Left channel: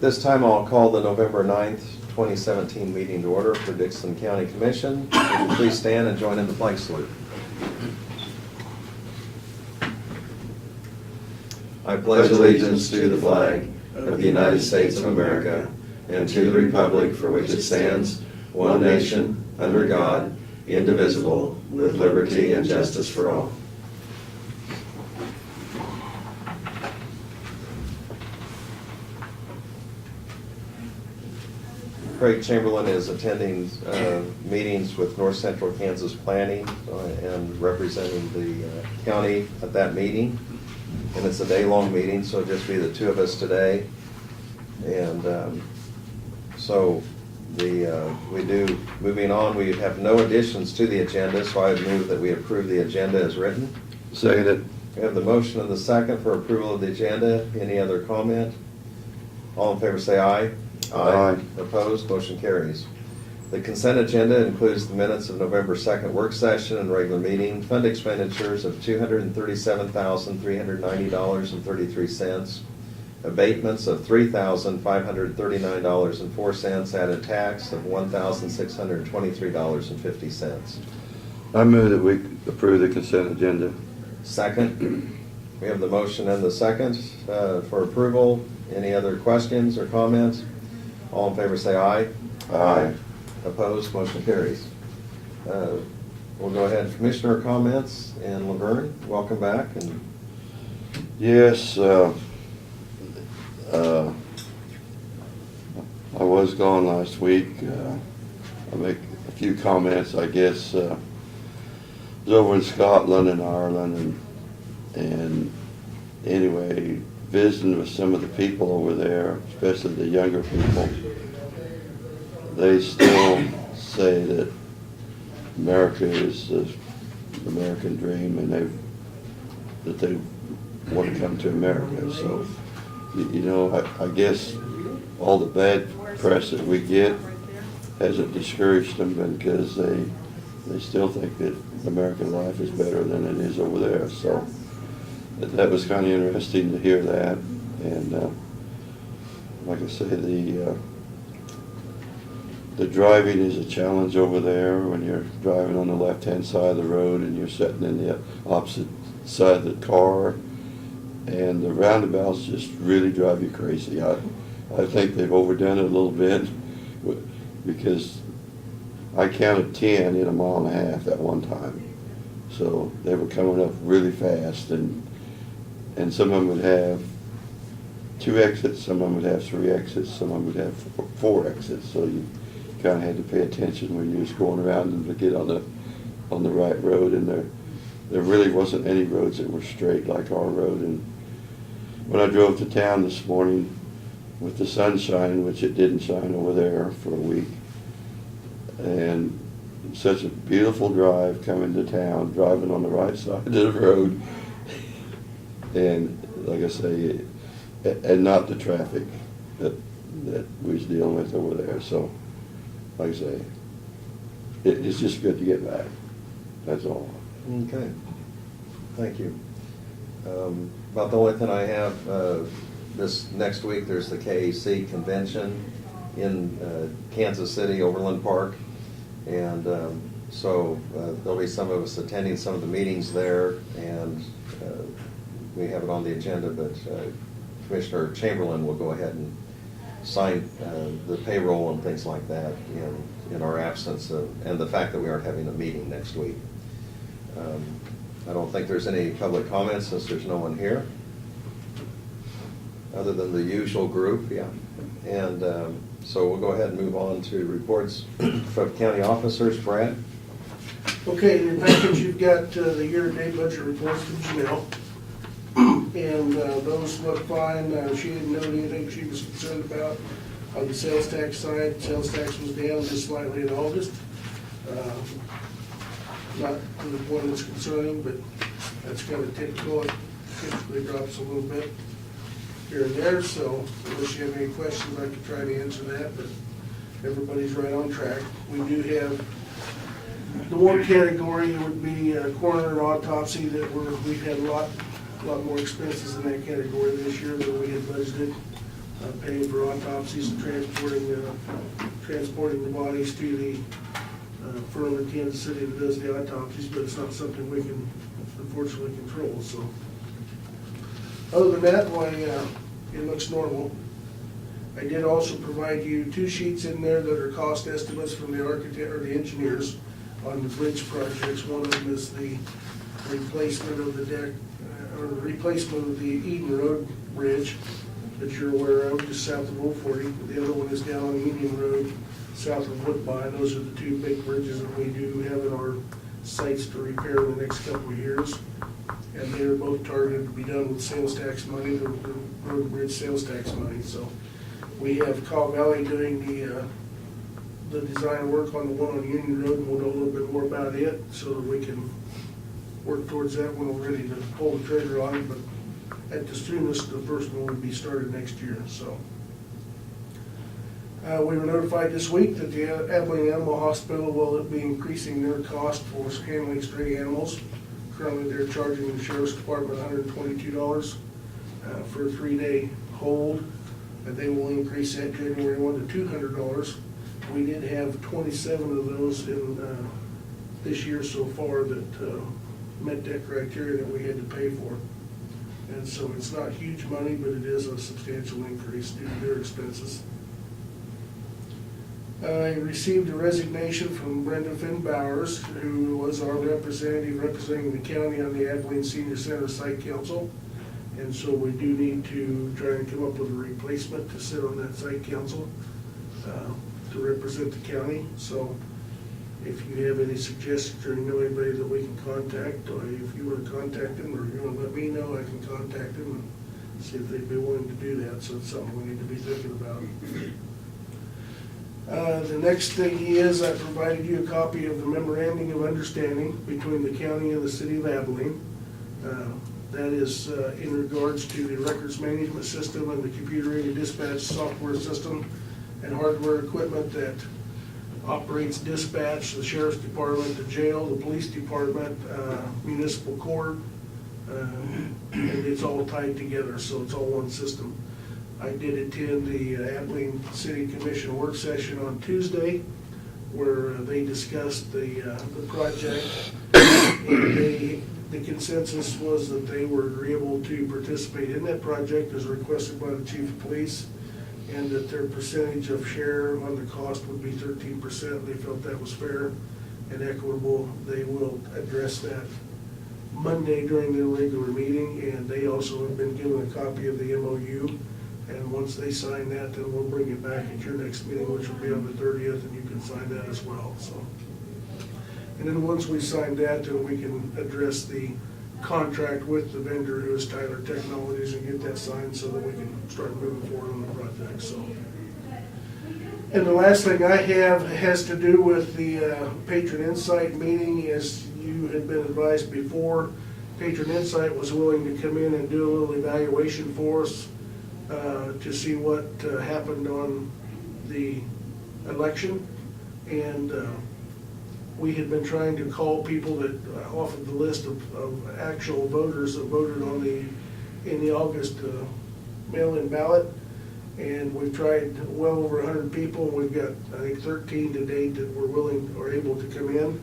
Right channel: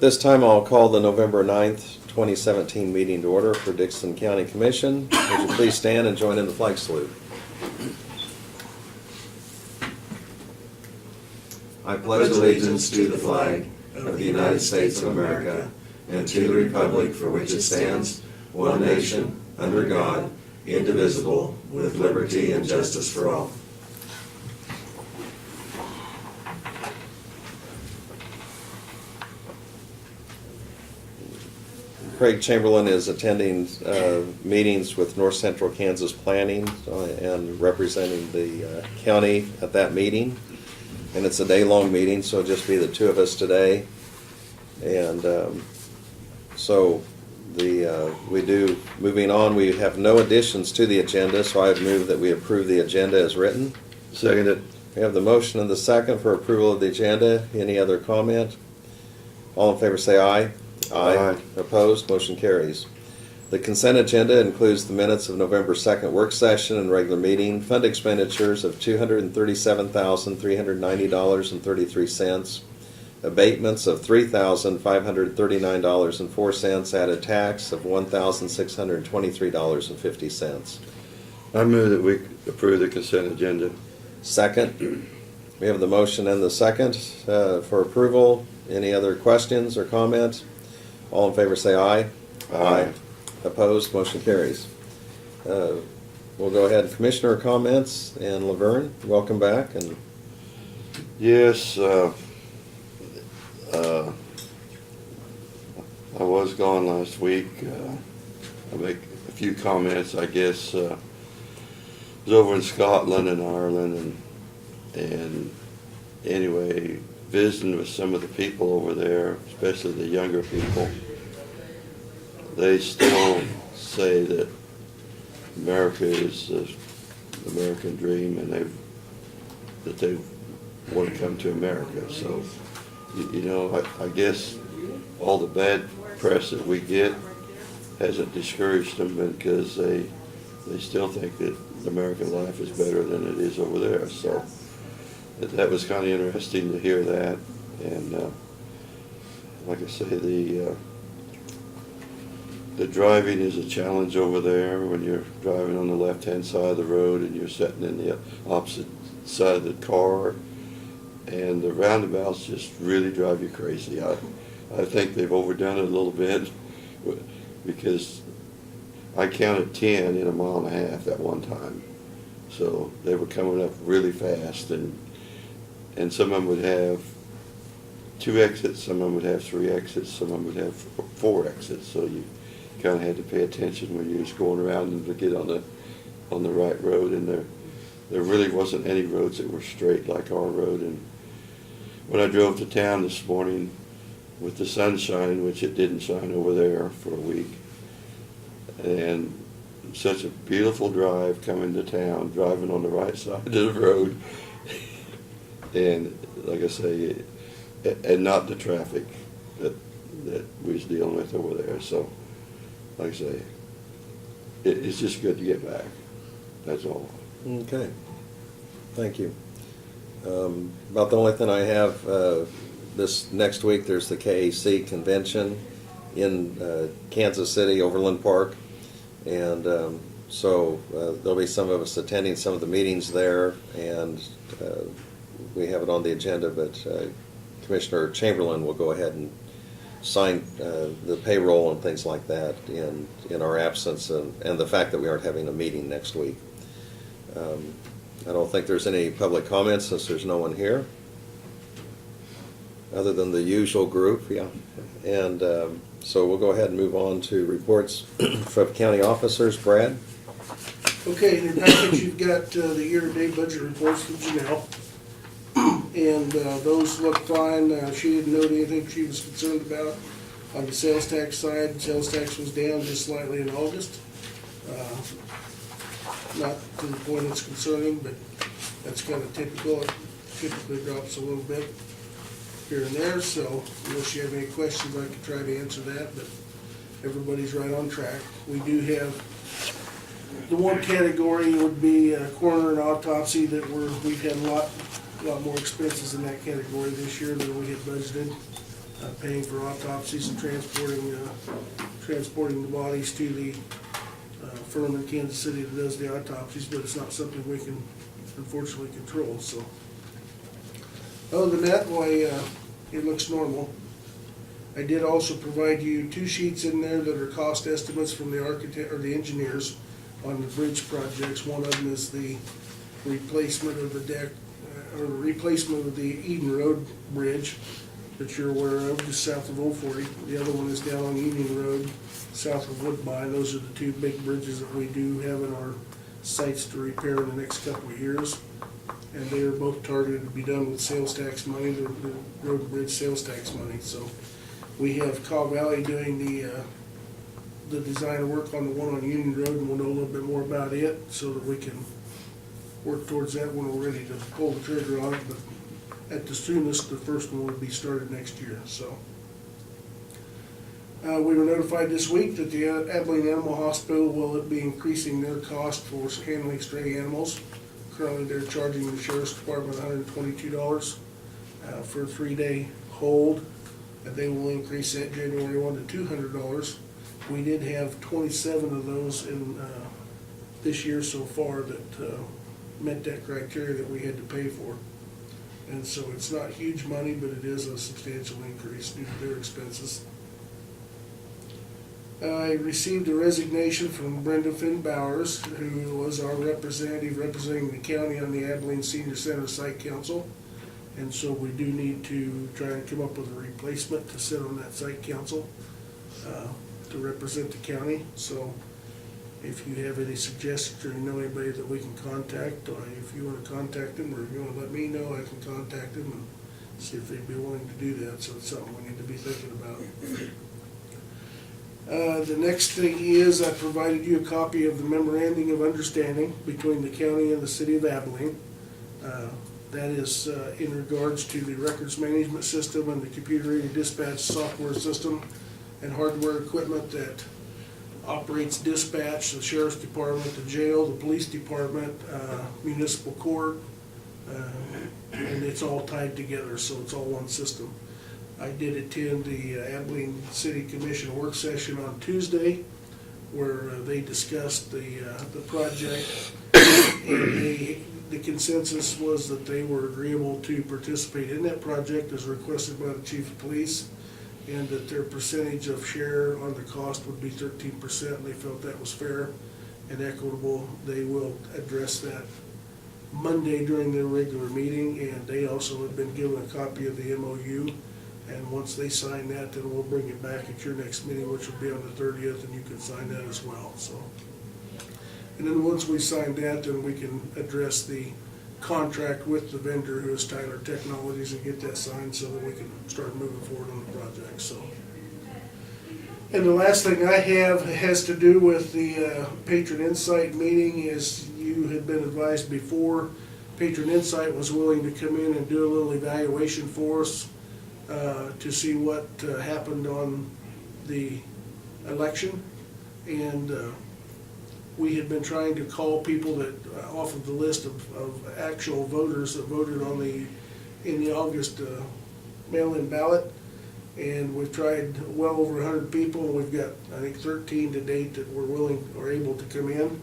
At this time, I'll call the November 9th, 2017 meeting to order for Dixon County Commission. Would you please stand and join in the flag salute? I Pledge allegiance to the flag of the United States of America and to the republic for which it stands, one nation, under God, indivisible, with liberty and justice for all. Craig Chamberlain is attending meetings with North Central Kansas Planning and representing the county at that meeting. And it's a day-long meeting, so it'll just be the two of us today. And moving on, we have no additions to the agenda, so I'd move that we approve the agenda as written. Seconded. We have the motion and the second for approval of the agenda. Any other comment? All in favor say aye. Aye. Opposed? Motion carries. The consent agenda includes the minutes of November 2nd work session and regular meeting, fund expenditures of $237,390.33, abatements of $3,539.04, added tax of $1,623.50. I move that we approve the consent agenda. Second, we have the motion and the second for approval. Any other questions or comments? All in favor say aye. Aye. Opposed? Motion carries. We'll go ahead. Commissioner comments, and Laverne, welcome back. And Yes, I was gone last week. I'll make a few comments, I guess. I was over in Scotland and Ireland, and anyway, visiting with some of the people over there, especially the younger people. They still say that America is the American dream, and that they want to come to America. So, I guess all the bad press that we get hasn't discouraged them, because they still think that American life is better than it is over there. So that was kind of interesting to hear that. And like I say, the driving is a challenge over there when you're driving on the left-hand side of the road and you're sitting in the opposite side of the car, and the roundabouts just really drive you crazy. I think they've overdone it a little bit, because I counted 10 in a mile and a half at one time. So they were coming up really fast, and some of them would have 2 exits, some of them would have 3 exits, some of them would have 4 exits. So you kind of had to pay attention when you was going around them to get on the right road. And there really wasn't any roads that were straight like our road. And when I drove to town this morning with the sunshine, which it didn't shine over there for a week, and such a beautiful drive coming to town, driving on the right side of the road, and like I say, and not the traffic that we was dealing with over there. So, like I say, it's just good to get back. That's all. okay, thank you. About the only thing I have this next week, there's the KAC convention in Kansas City, Overland Park, and so there'll be some of us attending some of the meetings there, and we have it on the agenda, but Commissioner Chamberlain will go ahead and sign the payroll and things like that in our absence, and the fact that we aren't having a meeting next week. I don't think there's any public comments since there's no one here, other than the usual group, yeah. And so we'll go ahead and move on to reports from county officers. Brad? Okay, in your package, you've got the year-to-date budget reports from Janelle. And those look fine. She didn't note anything she was concerned about. On the sales tax side, sales tax was down just slightly in August. Not to the point that's concerning, but that's kind of typical. It typically drops a little bit here and there, so unless you have any questions, I could try to answer that, but everybody's right on track. We do have the one category would be coroner and autopsy that we've had a lot more expenses in that category this year than we had budgeted. paying for autopsies and transporting the bodies to the firm in Kansas City that does the autopsies, but it's not something we can unfortunately control, so. Other than that, boy, it looks normal. I did also provide you 2 sheets in there that are cost estimates from the architect, or the engineers on the bridge projects. One of them is the replacement of the deck, or the replacement of the Eden Road Bridge that you're aware of, just south of 040. The other one is down on Union Road, south of Woodbine. Those are the 2 big bridges that we do have in our sites to repair in the next couple of years. And they are both targeted to be done with sales tax money, the road and bridge sales tax money. So we have Cog Valley doing the design work on the one on Union Road, and we'll know a little bit more about it so that we can work towards that when we're ready to pull the trigger on it. But at the soonest, the first one will be started next year, so. We were notified this week that the Abilene Animal Hospital will be increasing their cost for handling stray animals. Currently, they're charging the Sheriff's Department $122 for a 3-day hold, and they will increase that January 1 to $200. We did have 27 of those in this year so far that met that criteria that we had to pay for. And so it's not huge money, but it is a substantial increase due to their expenses. I received a resignation from Brenda Finn Bowers, who was our representative representing the county on the Abilene Senior Center Site Council. And so we do need to try and come up with a replacement to sit on that site council to represent the county. So if you have any suggestions or you know anybody that we can contact, or if you want to contact them or you want to let me know, I can contact them and see if they'd be willing to do that. So it's something we need to be thinking about. The next thing is I provided you a copy of the memorandum of understanding between the county and the city of Abilene. That is in regards to the records management system and the computer-aided dispatch software system and hardware equipment that operates dispatch, the sheriff's department, the jail, the police department, municipal court. And it's all tied together, so it's all one system. I did attend the Abilene City Commission work session on Tuesday, where they discussed the project. And the consensus was that they were agreeable to participate in that project as requested by the chief of police, and that their percentage of share on the cost would be 13%. They felt that was fair and equitable. They will address that Monday during their regular meeting, and they also have been given a copy of the MOU. And once they sign that, then we'll bring it back at your next meeting, which will be on the 30th, and you can sign that as well, so. And then once we sign that, then we can address the contract with the vendor, who is Tyler Technologies, and get that signed so that we can start moving forward on the project, so. And the last thing I have has to do with the Patron Insight meeting. As you had been advised before, Patron Insight was willing to come in and do a little evaluation for us to see what happened on the election. And we had been trying to call people that off of the list of actual voters that voted on in the August mail-in ballot. And we've tried well over 100 people, and we've got, I think, 13 to date that were willing or able to come in,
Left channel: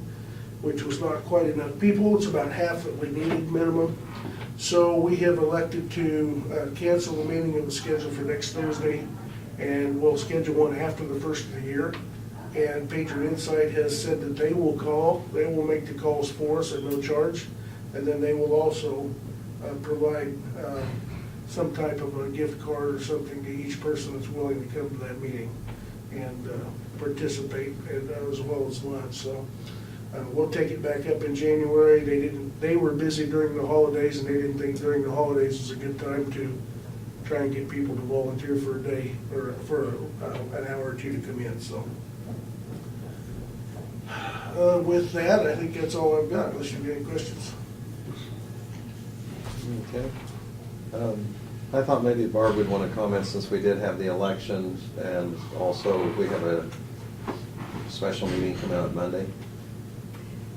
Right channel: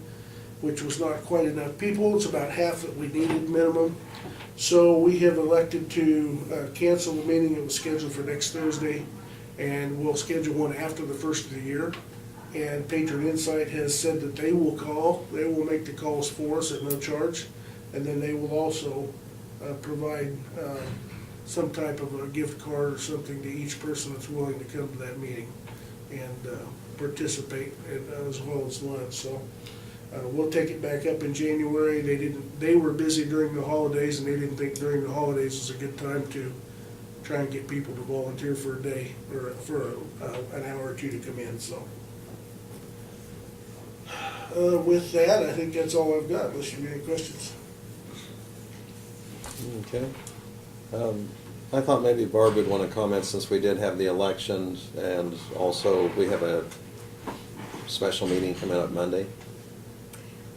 which was not quite enough people. It's about half that we needed minimum. So we have elected to cancel the meeting that was scheduled for next Thursday, and we'll schedule one after the first of the year. And Patron Insight has said that they will call, they will make the calls for us at no charge, and then they will also provide some type of a gift card or something to each person that's willing to come to that meeting and participate, as well as lunch. So we'll take it back up in January. They were busy during the holidays, and they didn't think during the holidays was a good time to try and get people to volunteer for a day or for an hour or two to come in. So with that, I think that's all I've got, unless you have any questions. Okay. I thought maybe Barb would want to comment, since we did have the election, and also we have a special meeting coming up Monday.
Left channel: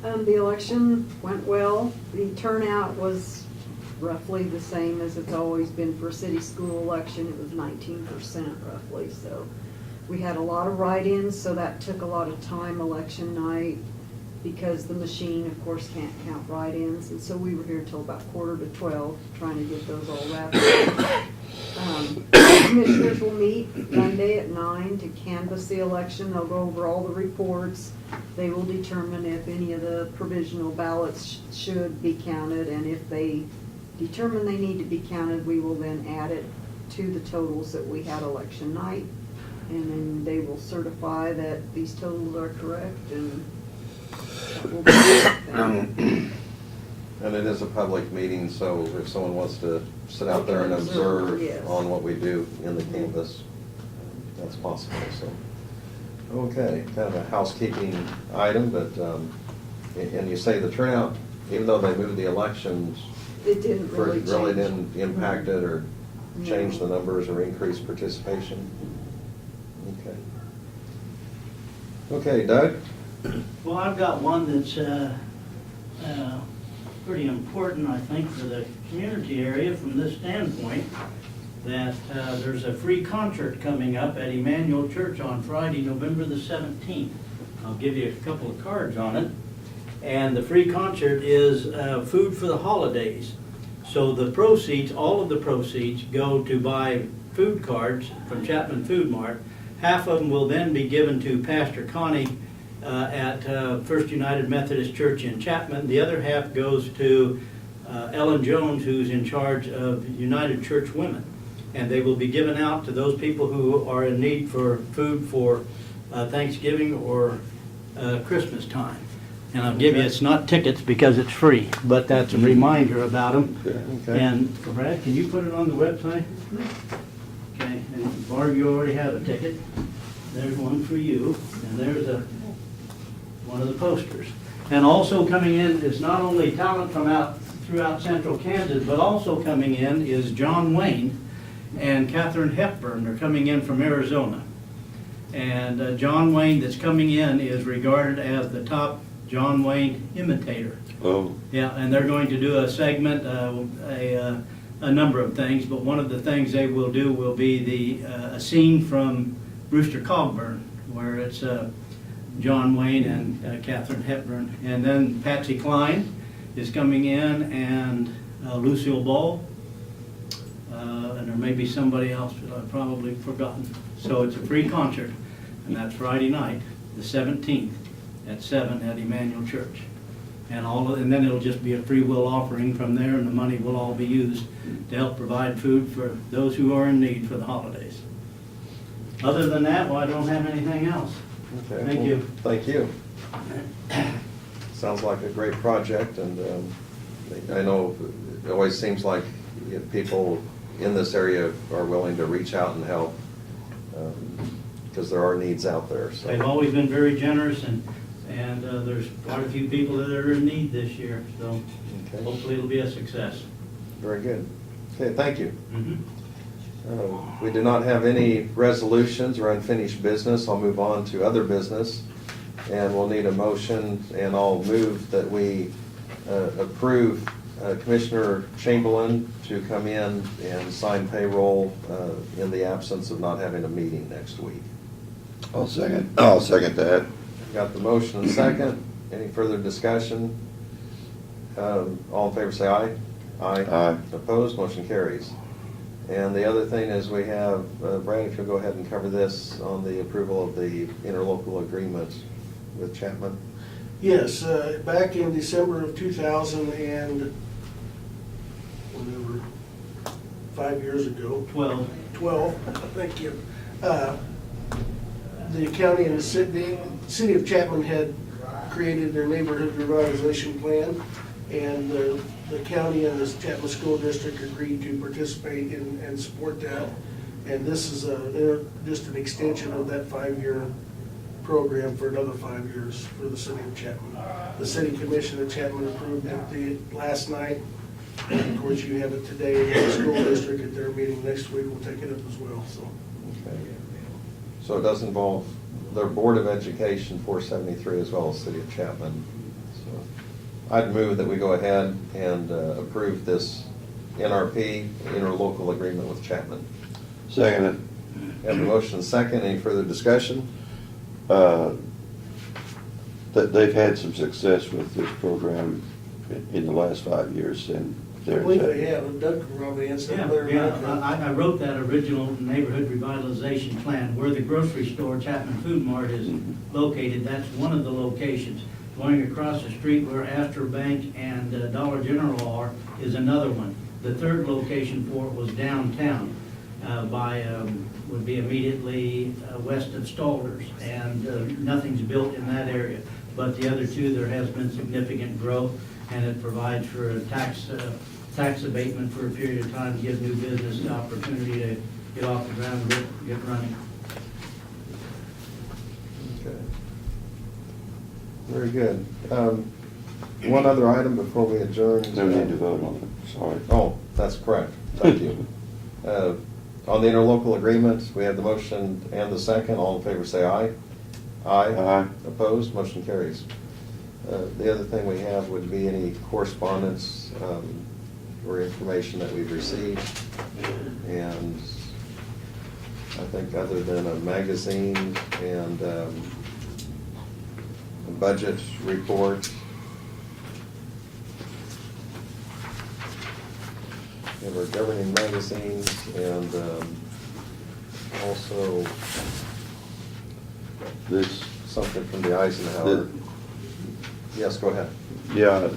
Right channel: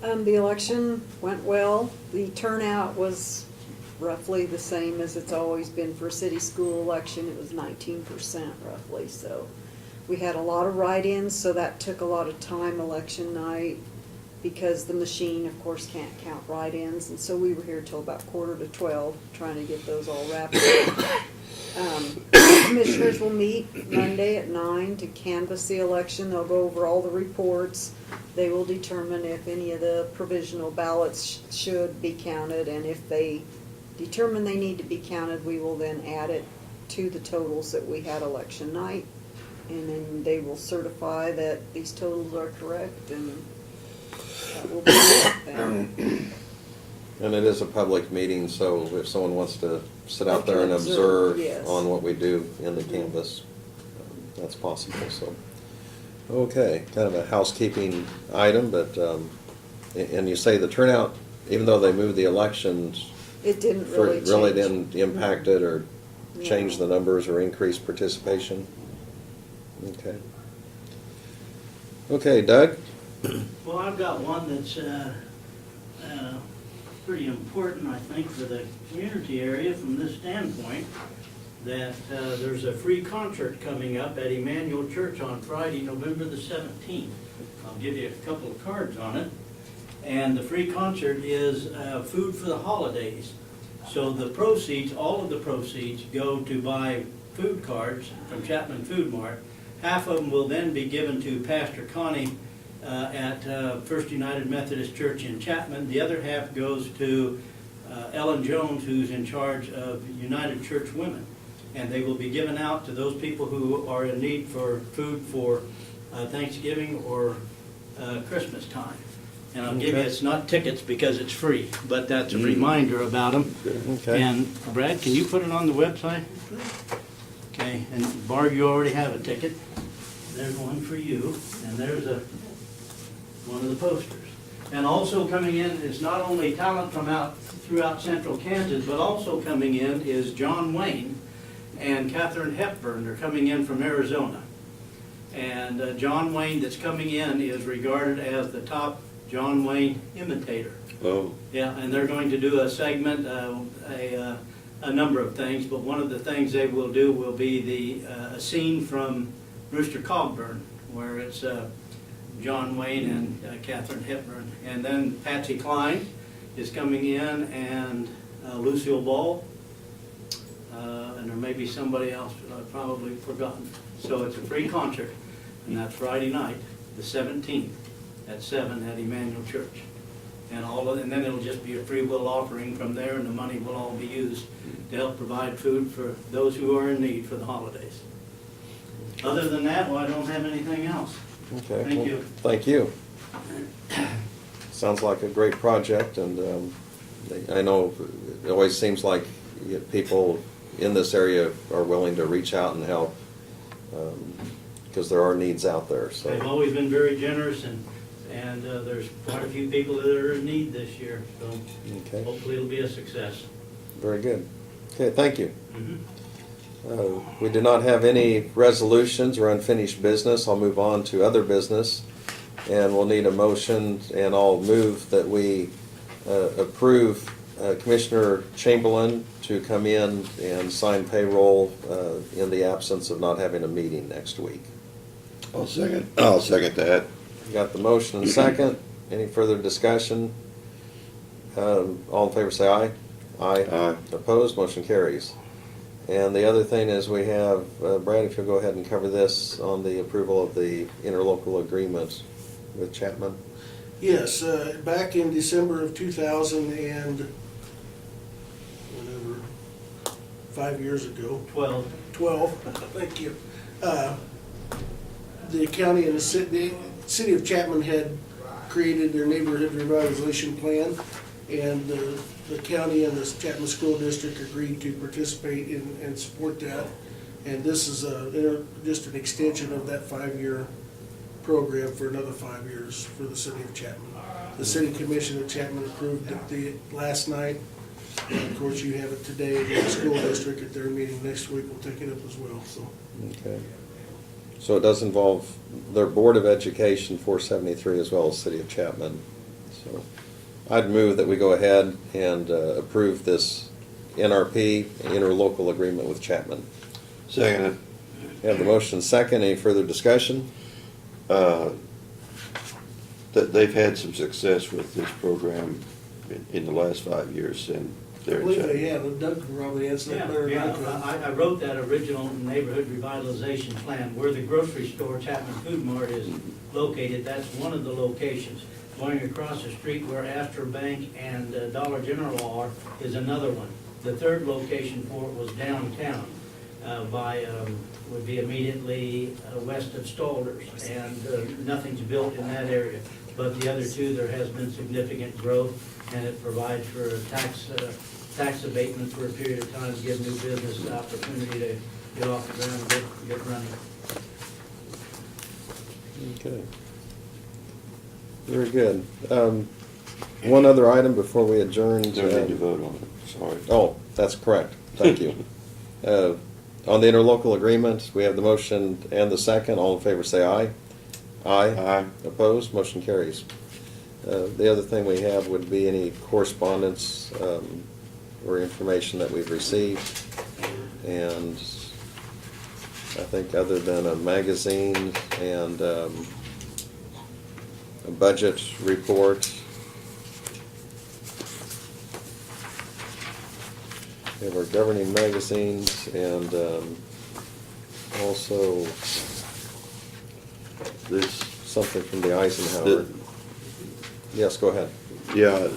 The election went well. The turnout was roughly the same as it's always been for a city school election. It was 19% roughly, so. We had a lot of write-ins, so that took a lot of time election night, because the machine, of course, can't count write-ins, and so we were here till about 11:45, trying to get those all wrapped up. Commissioners will meet Monday at 9 to canvass the election. They'll go over all the reports. They will determine if any of the provisional ballots should be counted, and if they determine they need to be counted, we will then add it to the totals that we had election night. And then they will certify that these totals are correct, and that will be it then. And it is a public meeting, so if someone wants to sit out there and Observe, observe yes. on what we do in the canvas, that's possible, so. Okay, kind of a housekeeping item, but, and you say the turnout, even though they moved the elections, It didn't really change. really didn't impact it or No. change the numbers or increase participation? Okay. Okay, Doug? Well, I've got one that's pretty important, I think, for the community area from this standpoint, that there's a free concert coming up at Emmanuel Church on Friday, November the 17th. I'll give you a couple of cards on it. And the free concert is food for the holidays. So the proceeds, all of the proceeds, go to buy food cards from Chapman Food Mart. Half of them will then be given to Pastor Connie at First United Methodist Church in Chapman. The other half goes to Ellen Jones, who's in charge of United Church Women. And they will be given out to those people who are in need for food for Thanksgiving or Christmas time. And I'll give you, it's not tickets because it's free, but that's a reminder about them. Okay. And Brad, can you put it on the website? Okay, and Barb, you already have a ticket. There's one for you, and there's one of the posters. And also coming in is not only talent from throughout central Kansas, but also coming in is John Wayne and Katharine Hepburn. They're coming in from Arizona. And John Wayne that's coming in is regarded as the top John Wayne imitator. Oh, Yeah, and they're going to do a segment, a number of things, but one of the things they will do will be a scene from Brewster Cogburn, where it's John Wayne and Katharine Hepburn. And then Patsy Cline is coming in, and Lucille Ball, and there may be somebody else that I've probably forgotten. So it's a free concert, and that's Friday night, the 17th, at 7 at Emmanuel Church. And then it'll just be a free will offering from there, and the money will all be used to help provide food for those who are in need for the holidays. Other than that, well, I don't have anything else. Okay. Thank you. Thank you. Sounds like a great project, and I know it always seems like people in this area are willing to reach out and help, because there are needs out there, so. They've always been very generous, and there's quite a few people that are in need this year, so Okay, hopefully it'll be a success. very good. Okay, thank you. Mhm. We do not have any resolutions or unfinished business. I'll move on to other business, and we'll need a motion, and I'll move that we approve Commissioner Chamberlain to come in and sign payroll in the absence of not having a meeting next week. I'll second that. Got the motion and second. Any further discussion? All in favor say aye. Aye. Opposed, motion carries. And the other thing is we have, Brad, if you'll go ahead and cover this on the approval of the interlocal agreement with Chapman. Yes, back in December of 2000 and whatever, 5 years ago, 12, thank you. The county and the city of Chapman had created their neighborhood revitalization plan, and the county and the Chapman School District agreed to participate in and support that. And this is just an extension of that 5-year program for another 5 years for the city of Chapman. The city commission of Chapman approved it last night. And of course, you have it today, and the school district at their meeting next week will take it up as well, so. Okay. So it does involve their Board of Education 473 as well as City of Chapman. So I'd move that we go ahead and approve this NRP interlocal agreement with Chapman. Second, Have the motion second. Any further discussion? that they've had some success with this program in the last 5 years, and I they're. believe they have, and Doug can probably answer that better Yeah, than I can. I wrote that original neighborhood revitalization plan, where the grocery store, Chapman Food Mart, is located. That's one of the locations. Going across the street where Astor Bank and Dollar General are is another one. The third location for it was downtown, would be immediately west of Stalder's, and nothing's built in that area. But the other two, there has been significant growth, and it provides for a tax abatement for a period of time to give new business an opportunity to get off the ground and get running. Okay. Very good. One other item before we adjourn. No need to vote on it, sorry. Oh, that's correct. Thank you. On the interlocal agreement, we have the motion and the second. All in favor say aye. Aye. Aye. Opposed? Motion carries. The other thing we have would be any correspondence or information that we've received. And I think other than a magazine and a budget report, we have our governing magazines and also This, something from the Eisenhower. the, Yes, go ahead. yeah,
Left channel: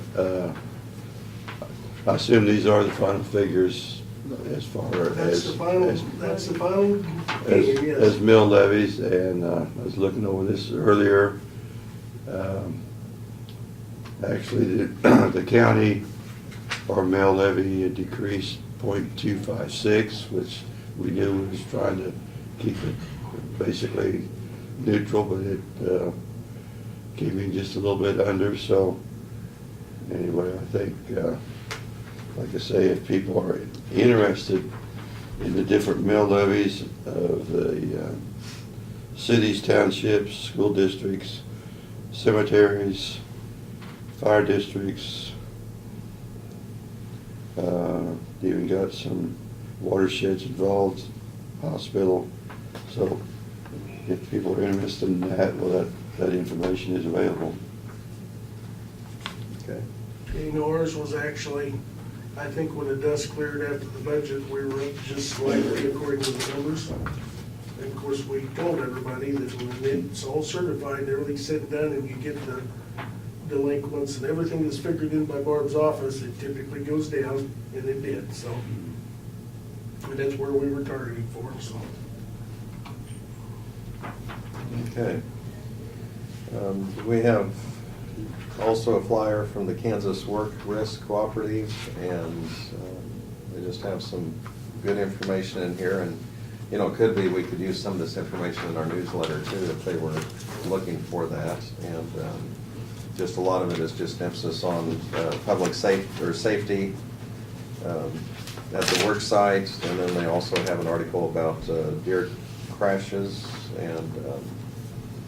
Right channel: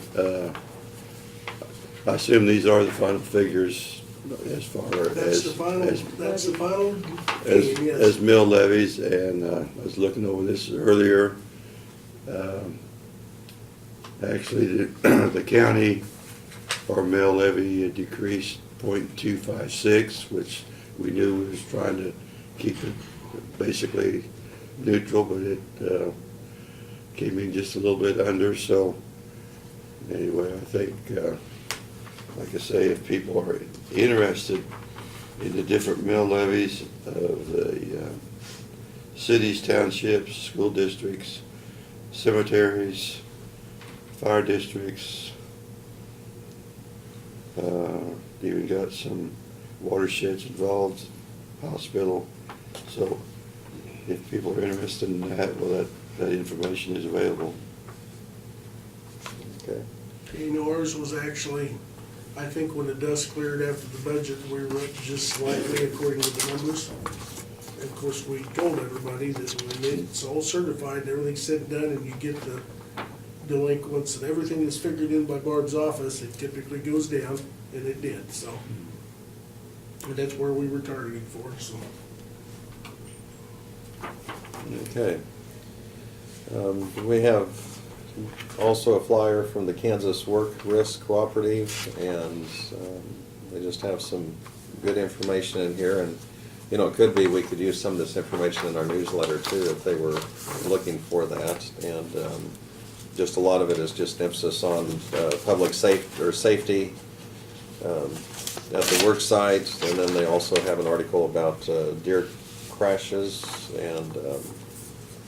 I assume these are the final figures as far That's as. the final, as- that's the final As, game, yes. as mill levies, and I was looking over this earlier. Actually, the county, our mill levy decreased 0.256, which we knew was trying to keep it basically neutral, but it came in just a little bit under, so anyway, I think, like I say, if people are interested in the different mill levies of the cities, townships, school districts, cemeteries, fire districts, even got some watersheds involved, hospital. So if people are interested in that, well, that information is available. Okay. You know, ours was actually, I think when the dust cleared after the budget, we were up just slightly according to the numbers. And of course, we told everybody that when it's all certified, everything's said and done, and you get the delinquents and everything is figured in by Barb's office, it typically goes down, and it did, so. And that's where we were targeting for, so. Okay. We have also a flyer from the Kansas Work Risk Cooperative, and they just have some good information in here. And, you know, it could be we could use some of this information in our newsletter too if they were looking for that. And just a lot of it is just emphasis on public safety at the work site. And then they also have an article about deer crashes and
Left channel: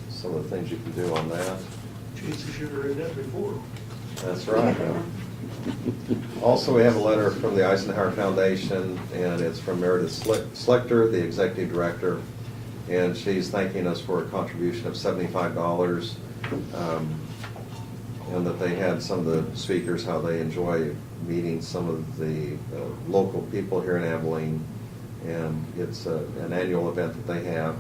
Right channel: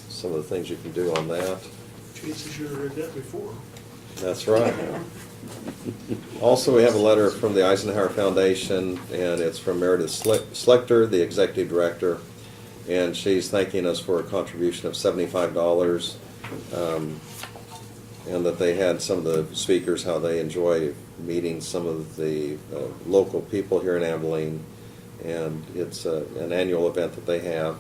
some of the things you can do on that. Jesus, you should have read that before. That's right. Also, we have a letter from the Eisenhower Foundation, and it's from Meredith Schlechter, the executive director, and she's thanking us for a contribution of $75, and that they had some of the speakers, how they enjoy meeting some of the local people here in Abilene, and it's an annual event that they have.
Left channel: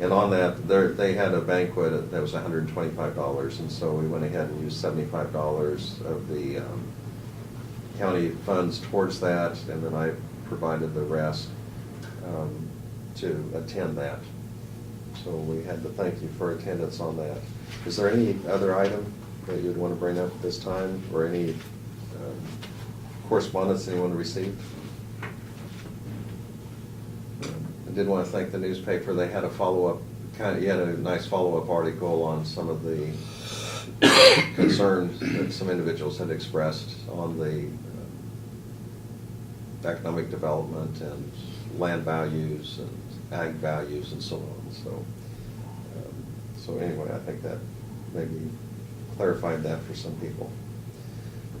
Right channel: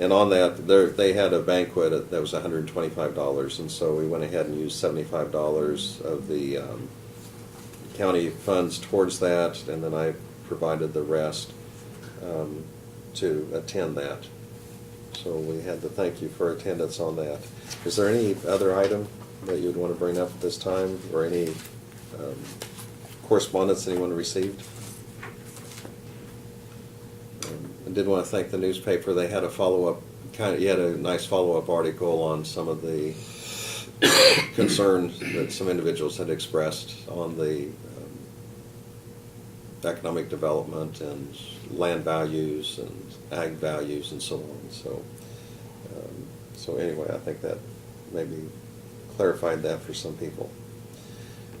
And on that, they had a banquet that was $125, and so we went ahead and used $75 of the county funds towards that, and then I provided the rest to attend that. So we had to thank you for attendance on that. Is there any other item that you'd want to bring up at this time, or any correspondence anyone received? I did want to thank the newspaper. They had a follow-up, you had a nice follow-up article on some of the concerns that some individuals had expressed on the economic development and land values and ag values and so on. So anyway, I think that maybe clarified that for some people.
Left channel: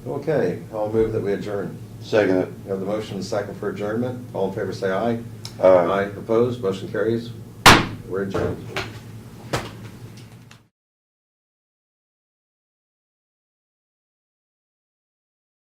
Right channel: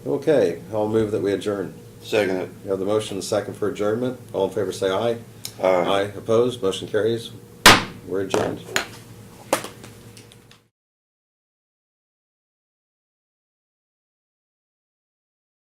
Okay, I'll move that we adjourn. Second it. We have the motion and second for adjournment. All in favor say aye. Aye. Opposed, motion carries. We're adjourned.